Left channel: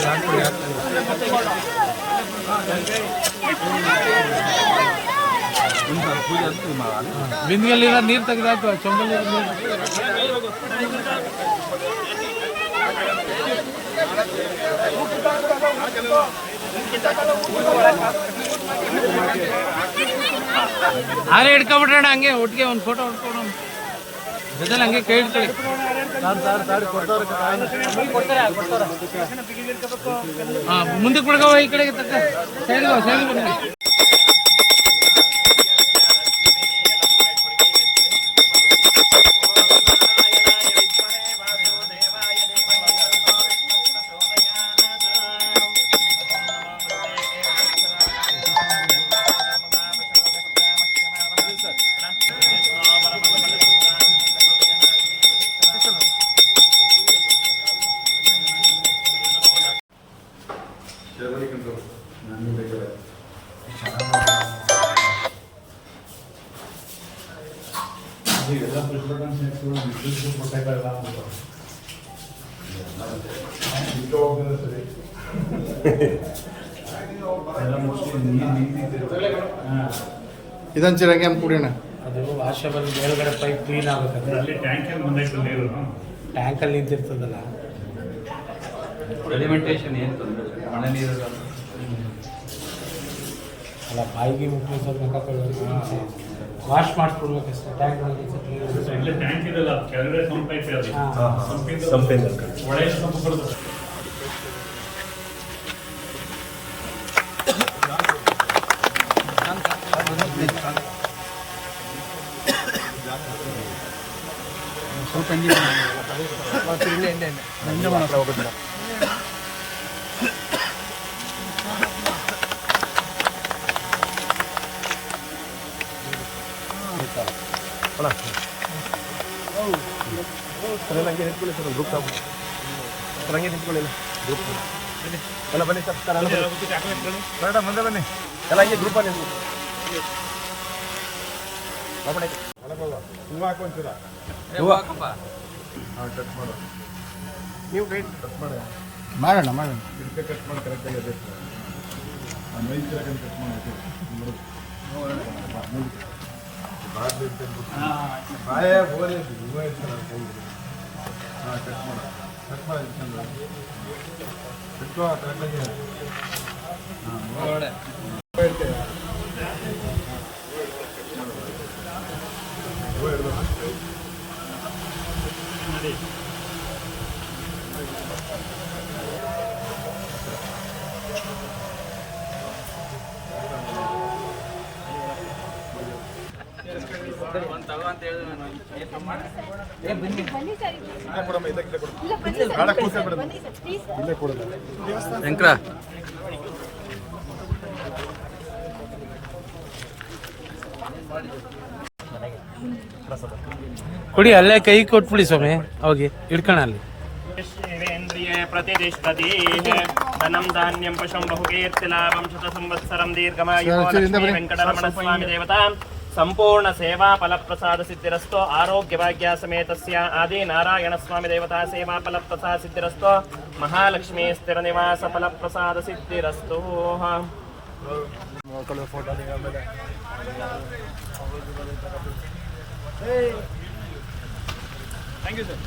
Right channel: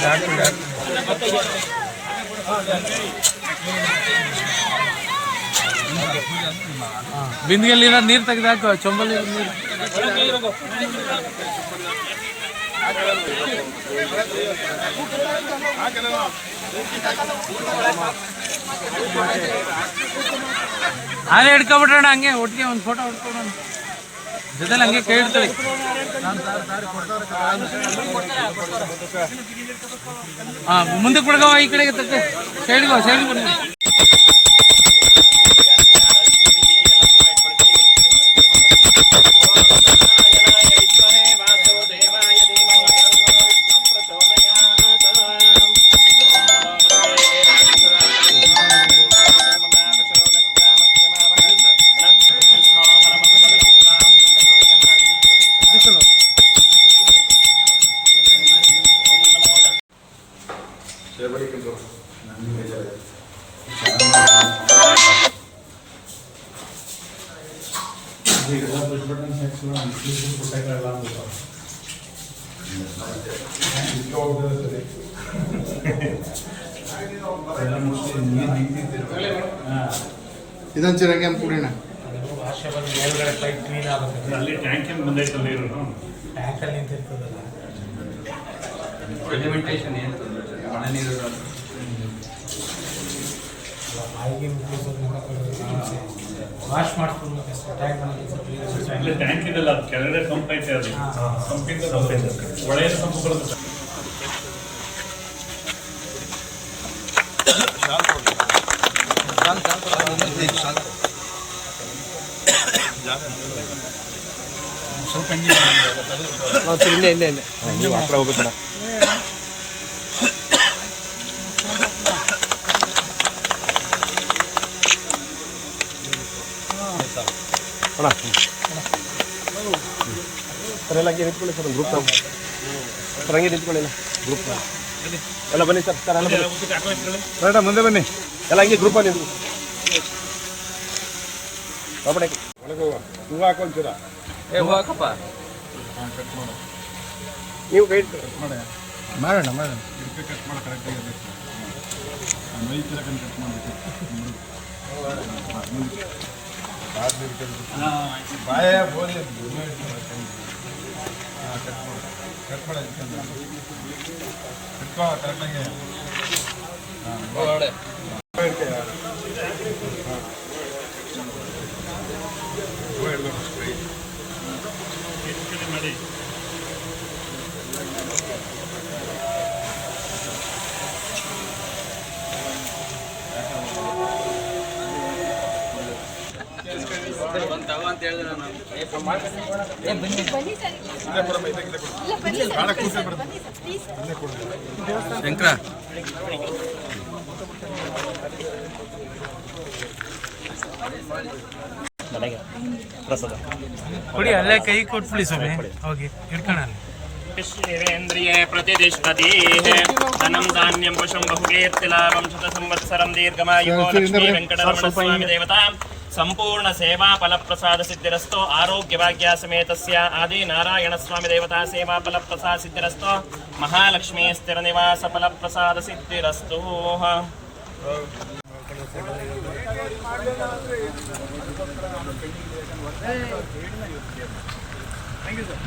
ಇದು ಹಾಕ್ಕೊಳ್ಳಿ ಹಾಕ್ಕೊಳ್ಳಿ ನೀರು ನೀರು ತೆಗೆದಾಕು ಚೊಂಬಲ್ಲಿ ನೀರು. ಆರೇ ಹಿಡ್ಕೊಬಿಟ್ರಣ್ಣ, ಹಂಗೆ ಒಟ್ಟಿಗೆ ಒಂದು ಫೋಟೋ ಹೊಡ್ಕೊಡೋಣ ಜೊತೆಲಿ ಹಂಗೆ ಕೈ ಹಾ ಮುಂದಕ್ಕೆ ಬಿಡ್ಗವ ಈ ಕಡೆಗೆ ತಕ್ಕ. ಸೈಡ್ಗೋ ಸೈಡ್ಗೆ ಬಿಡ್ಗ Everybody control. ಬೇಜಾರಾಯ್ತು. ಇದು ಎಲ್ಲ. ಎಲ್ಲ ಮುಚ್ಚಿ ನೀರು ನಿಂತಿದ್ದಿರು. ಹಾ. ಇದೊಂದು ಚಿರಂಗಿ ಕುಡಿಯೋಣ ಅದು ವಾಶ ಬಂದು ಮೇಲ್ಗಡೆ ಟೈಪ್ ಕ್ಲೀನ್ ಆಗುತ್ತೆ ಅಲ್ಲಿ ಟ್ಯಾಂಕಿಂಗ್ ಬಂದೈತೆ ನೀರು ಟ್ಯಾಂಕಲ್ಲಿ ನಿಂತಿರ್ತದಲ್ಲ ಸೆಡಿಮೆಂಟೇಷನ್ ಏನು ಇಲ್ಲ. ಮಳೆ ನೀರು ಅಲ್ಲ ಬಾಯಿಗೆ ವಾಶ್ ಮಾಡಿಸ್ಕೊಡ್ಬೇಕು ಅಷ್ಟೇ. ಟ್ಯಾಂಕ್ ಇಲ್ಲಿ ಟ್ಯಾಂಕ್ ಇದೆಲ್ಲ ಅದು ಕೆಳಗಡೆ ಸಂಪ್ ಐತೆ ಅದು ಹಾ. ಸಂಪಿಂದ ಸಂಪಿಂದ ಒಳ್ಳೆಯ ಸಂಪ್ ಬರುತ್ತೆ. ಸ್ವಲ್ಪ ಇಲ್ಲ ಇಲ್ಲೇ ಇಲ್ಲ. ಮಾಡೋಕೆ ಹಂಗೆ ಮಾಡಕ್ಕೆ ಬನ್ನಿ ಎಲ್ಲ ಬನ್ನಿ ಸರ್ ಮುಂದೆ ಬನ್ನಿ ಎಲ್ಲ ಹಂಗೆ ಗ್ರೂಪ್ ಅಲ್ಲಿ ಹೂವು ಹಾಕೊಂತೀರಾ ನೀವು ಕೈ ಮಾಡೋಣ ಮಾಡೋಣ ಇದಕ್ಕೆ ಕಟ್ ಮಾಡಿ ಕರೆಕ್ಟಾಗಿ ಅದೇ ನಾನು ಕಿಲೋ ಕಟ್ ಮಾಡಿದೆ ಮುಂದಕ್ಕೆ ಇಟ್ಕೊಂಡ್ಬಿಟ್ಟು ಬಾಯೇ ಹೋಲಿ ಇವ ಇರ್ತಾರೆ ಕೈಗೆ ಹಾಂ ಕಟ್ ಮಾಡು ಕಟ್ ಮಾಡ ಇಟ್ಕೊಂಡು ಇಟ್ಕೋ ಕರೆಕ್ಟಾಗಿ ಹಾಂ ಮಾಡಿ ಬನ್ನಿ ಅಲ್ಲೇ ಕೈ ಕೊಟ್ಬಿಡಿ ಸೋಮೇ ಹೌಗೆ ಕೊಡು ಇಲ್ಲ ಬನ್ನಿ ಸರ್ ನಾಳೆ ಧನಂ ಧಾನ್ಯಂ ಕೂರ್ಸಿ ಸರ್, ಬಿಡು. ಬನ್ನಿ ಸರ್ ಪ್ಲೀಸ್ ಇಲ್ಲೇ ಕೊಡೋದು ಶಂಕರ ಕುಡಿ ಅಲ್ಲೇ ಕೈ ಕೊಟ್ಬಿಡಿ ಸ್ವಾಮಿ ಹೋಗಿ ಸಂಪೂರ್ಣ ಸೇವಾ ಫಲಪ್ರಸಾದ ಸಿದ್ಧಿರಸ್ತೋ. ಆರೋಗ್ಯ ಭಾಗ್ಯ ಸಮೇತಸ್ಯ ಆದಿ ನಾರಾಯಣ ಸ್ವಾಮಿ ದೇವತಾ ಸೇವಾ ಫಲಪ್ರಸಾದ ಸಿದ್ಧಿರಸ್ತೋ. ಮಹಾಲಕ್ಷ್ಮೀ ಸ್ಥಿರ ನಿವಾಸ ಫಲಪ್ರಸಾದ ಸಿದ್ಧಿರಸ್ತೋ. Thank you sir